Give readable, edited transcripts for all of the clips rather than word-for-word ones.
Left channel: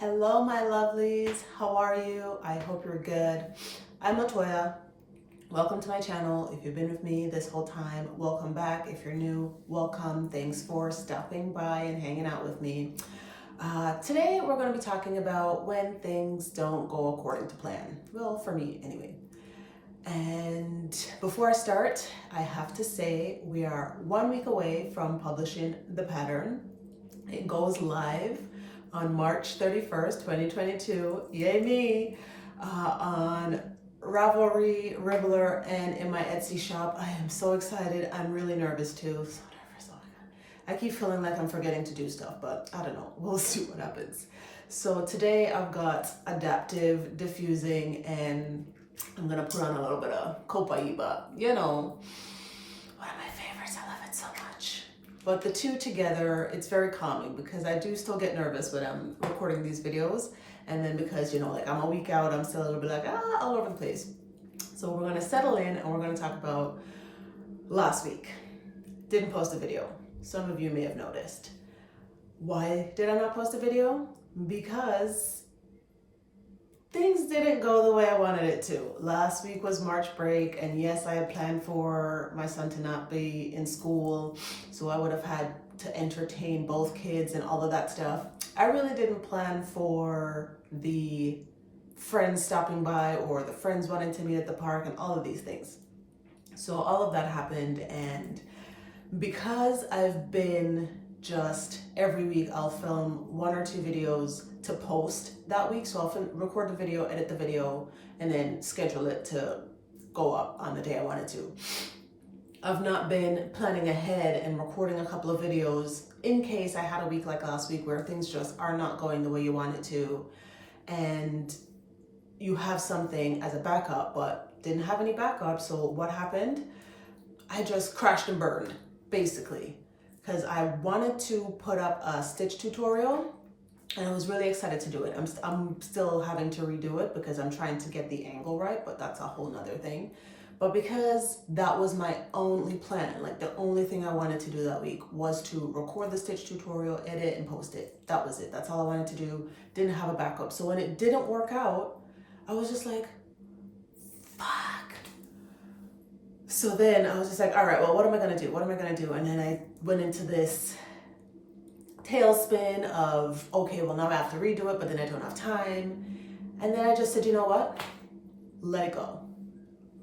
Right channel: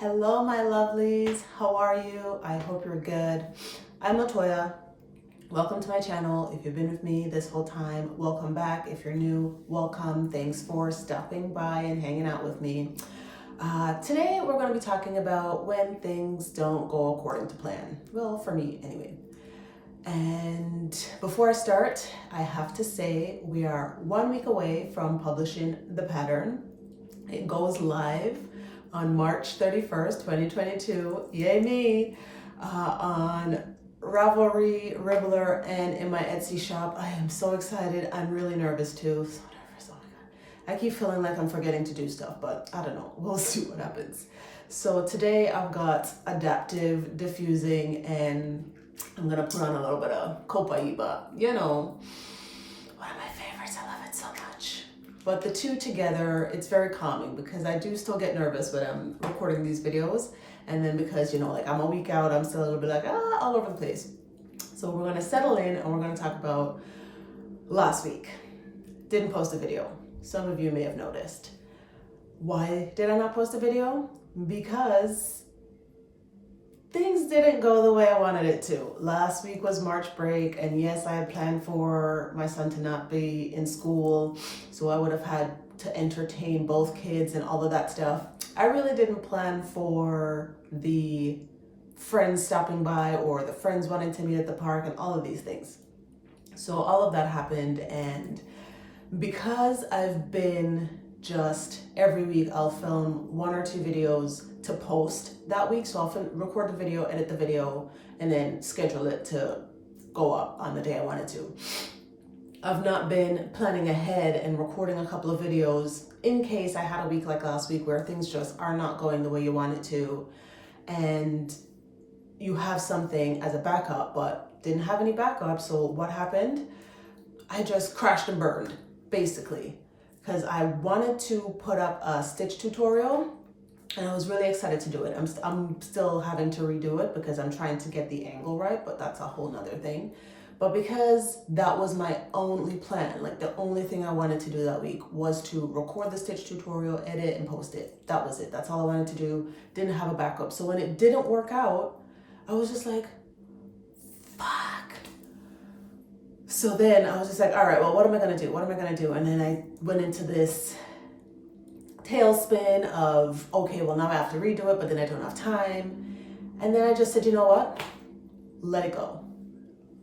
Hello, my lovelies. How are you? I hope you're good. I'm Latoya. Welcome to my channel. If you've been with me this whole time, welcome back. If you're new, welcome. Thanks for stopping by and hanging out with me. Today, we're going to be talking about when things don't go according to plan. Well, for me, anyway. And before I start, I have to say we are 1 week away from publishing The Pattern. It goes live on March 31st, 2022. Yay me! On Ravelry, Ribbler, and in my Etsy shop. I am so excited. I'm really nervous too. So nervous. Oh my God. I keep feeling like I'm forgetting to do stuff, but I don't know. We'll see what happens. So today I've got adaptive diffusing and I'm gonna put on a little bit of Copaiba. You know, one of my favorites. I love it so much. But the two together, it's very calming because I do still get nervous when I'm recording these videos. And then because, you know, like I'm a week out, I'm still a little bit like, all over the place. So we're gonna settle in and we're gonna talk about last week. Didn't post a video. Some of you may have noticed. Why did I not post a video? Because things didn't go the way I wanted it to. Last week was March break, and yes, I had planned for my son to not be in school, so I would have had to entertain both kids and all of that stuff. I really didn't plan for the friends stopping by or the friends wanting to meet at the park and all of these things. So all of that happened, and because I've been just every week I'll film 1 or 2 videos to post that week. So I'll record the video, edit the video, and then schedule it to go up on the day I wanted to. I've not been planning ahead and recording a couple of videos in case I had a week like last week where things just are not going the way you want it to. And you have something as a backup, but didn't have any backup. So what happened? I just crashed and burned, basically. Because I wanted to put up a stitch tutorial and I was really excited to do it. I'm still having to redo it because I'm trying to get the angle right, but that's a whole nother thing. But because that was my only plan, like the only thing I wanted to do that week was to record the stitch tutorial, edit, and post it. That was it. That's all I wanted to do. Didn't have a backup. So when it didn't work out, I was just like, fuck. So then I was just like, all right, well, what am I gonna do? What am I gonna do? And then I went into this tailspin of, okay, well, now I have to redo it, but then I don't have time. And then I just said, you know what? Let it go.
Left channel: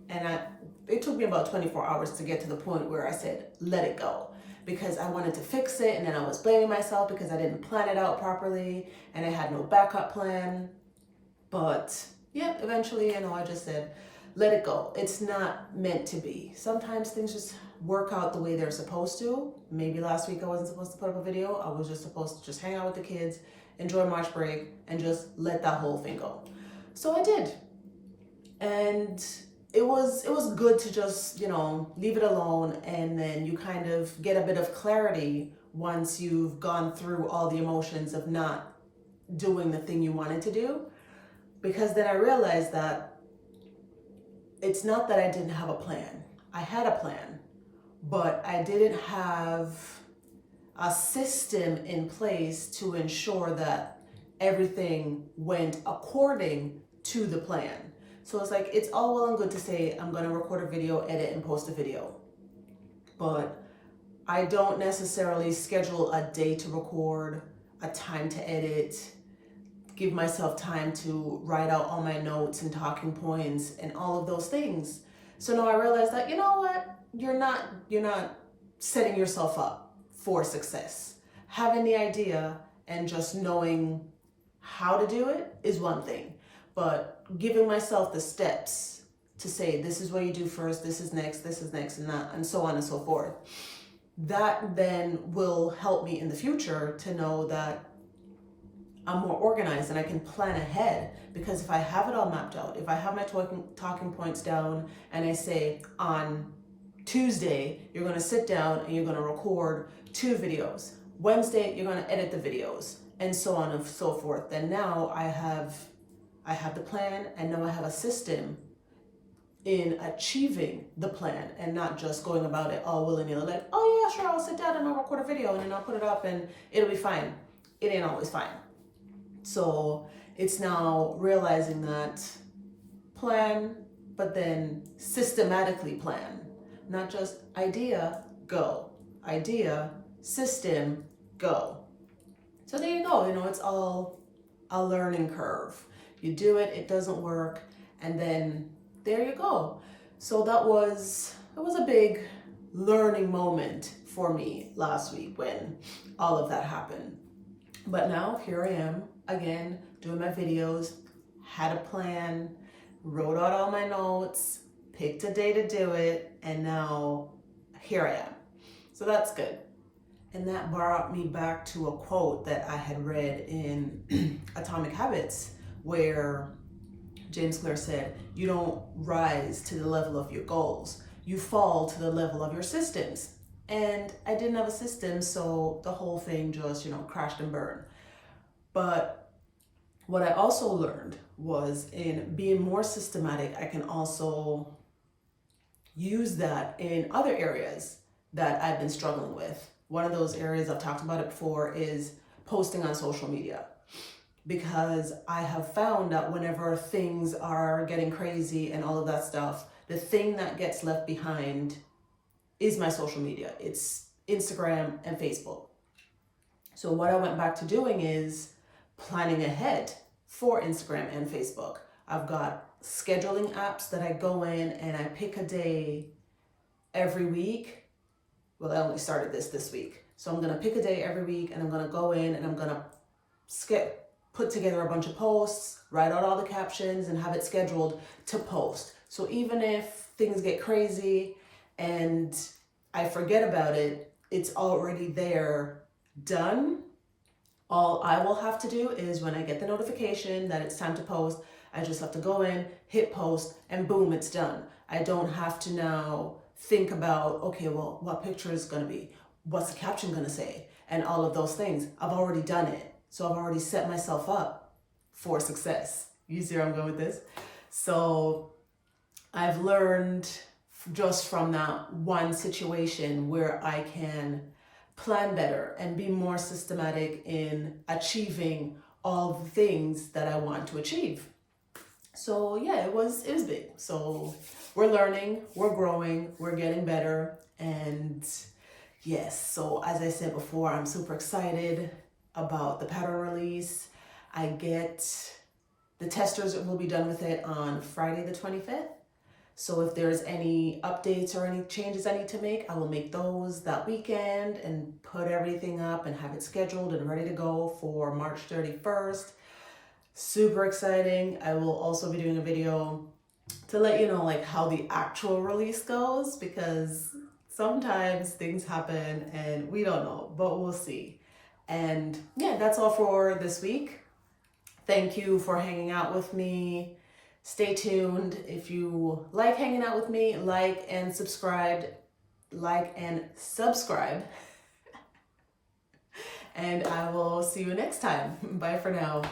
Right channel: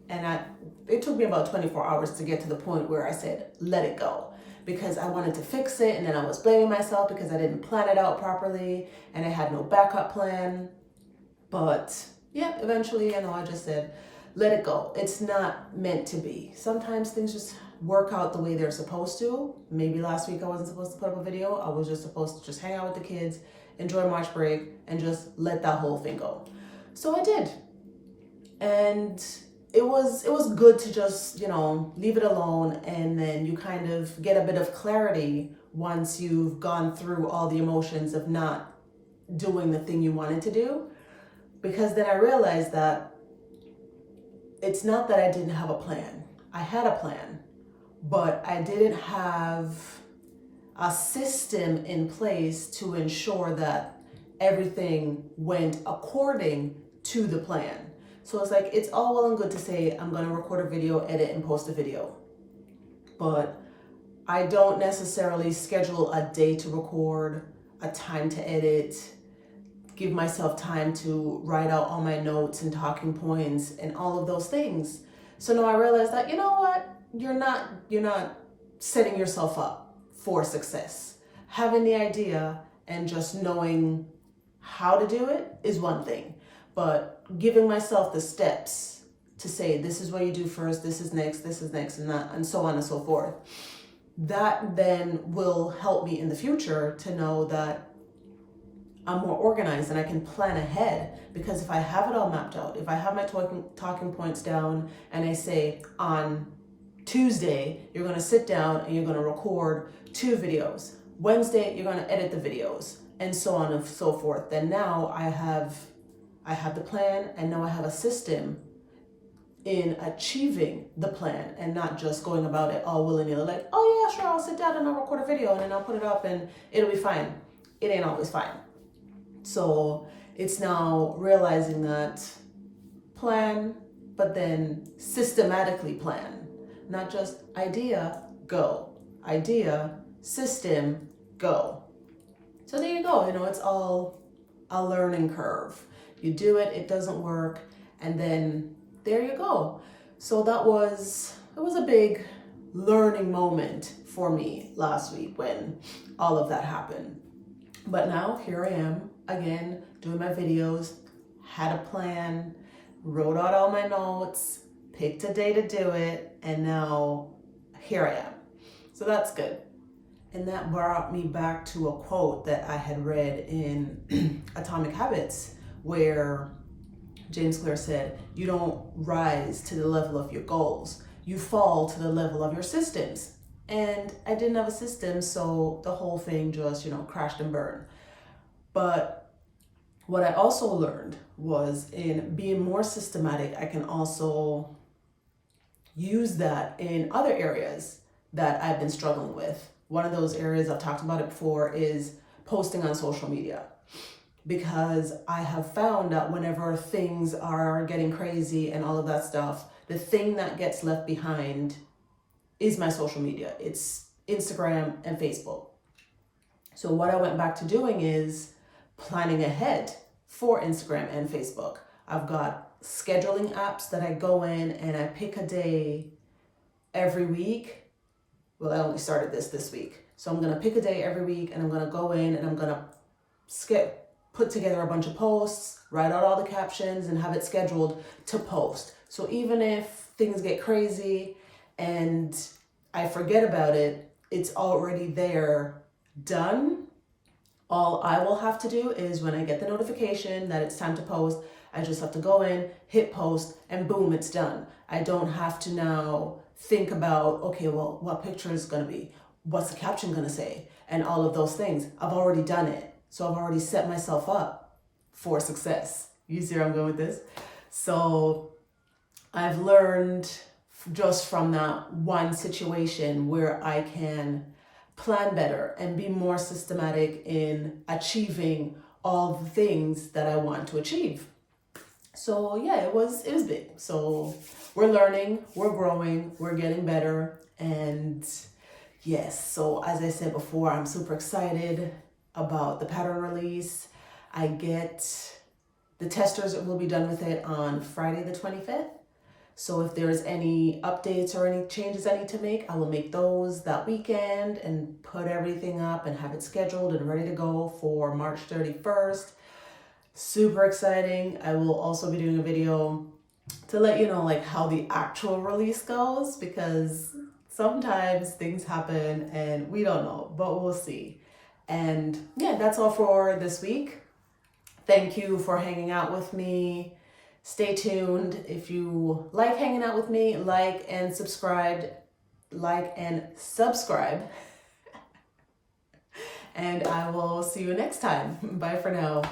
And it took me about 24 hours to get to the point where I said, let it go. Because I wanted to fix it, and then I was blaming myself because I didn't plan it out properly, and I had no backup plan. But yeah, eventually, you know, I just said, let it go. It's not meant to be. Sometimes things just work out the way they're supposed to. Maybe last week I wasn't supposed to put up a video. I was just supposed to just hang out with the kids, enjoy March break, and just let that whole thing go. So I did. And it was good to just, you know, leave it alone, and then you kind of get a bit of clarity once you've gone through all the emotions of not doing the thing you wanted to do. Because then I realized that it's not that I didn't have a plan. I had a plan, but I didn't have a system in place to ensure that everything went according to the plan. So it's like, it's all well and good to say, I'm gonna record a video, edit, and post a video. But I don't necessarily schedule a day to record, a time to edit, give myself time to write out all my notes and talking points and all of those things. So now I realized that, you know what? You're not setting yourself up for success. Having the idea and just knowing how to do it is one thing, but giving myself the steps to say, this is what you do first, this is next, and that, and so on and so forth. That then will help me in the future to know that I'm more organized and I can plan ahead. Because if I have it all mapped out, if I have my talking points down and I say on Tuesday, you're gonna sit down and you're gonna record 2 videos. Wednesday, you're gonna edit the videos, and so on and so forth. Then now I have the plan, and now I have a system in achieving the plan and not just going about it all willy-nilly like, oh yeah, sure, I'll sit down and I'll record a video and then I'll put it up and it'll be fine. It ain't always fine. So it's now realizing that plan, but then systematically plan, not just idea, go, idea, system, go. So there you go. It's all a learning curve. You do it, it doesn't work, and then there you go. So it was a big learning moment for me last week when all of that happened. But now here I am again doing my videos, had a plan, wrote out all my notes, picked a day to do it, and now here I am. So that's good. And that brought me back to a quote that I had read in Atomic Habits, where James Clear said, you don't rise to the level of your goals, you fall to the level of your systems. And I didn't have a system, so the whole thing just, crashed and burned. But what I also learned was in being more systematic, I can also use that in other areas that I've been struggling with. One of those areas, I've talked about it before, is posting on social media. Because I have found that whenever things are getting crazy and all of that stuff, the thing that gets left behind is my social media. It's Instagram and Facebook. So what I went back to doing is planning ahead for Instagram and Facebook. I've got scheduling apps that I go in and I pick a day every week. Well, I only started this week. So I'm going to pick a day every week and I'm going to go in and I'm going to put together a bunch of posts, write out all the captions and have it scheduled to post. So even if things get crazy and I forget about it, it's already there, done. All I will have to do is when I get the notification that it's time to post, I just have to go in, hit post, and boom, it's done. I don't have to now think about, okay, well, what picture is going to be? What's the caption going to say? And all of those things. I've already done it. So I've already set myself up for success. You see where I'm going with this? So I've learned just from that one situation where I can plan better and be more systematic in achieving all the things that I want to achieve. So yeah, it was big. So we're learning, we're growing, we're getting better. And yes, so as I said before, I'm super excited about the pattern release. The testers will be done with it on Friday the 25th. So if there's any updates or any changes I need to make, I will make those that weekend and put everything up and have it scheduled and ready to go for March 31st. Super exciting. I will also be doing a video to let you know how the actual release goes, because sometimes things happen and we don't know, but we'll see. And yeah, that's all for this week. Thank you for hanging out with me. Stay tuned. If you like hanging out with me, like and subscribe. And I will see you next time. Bye for now.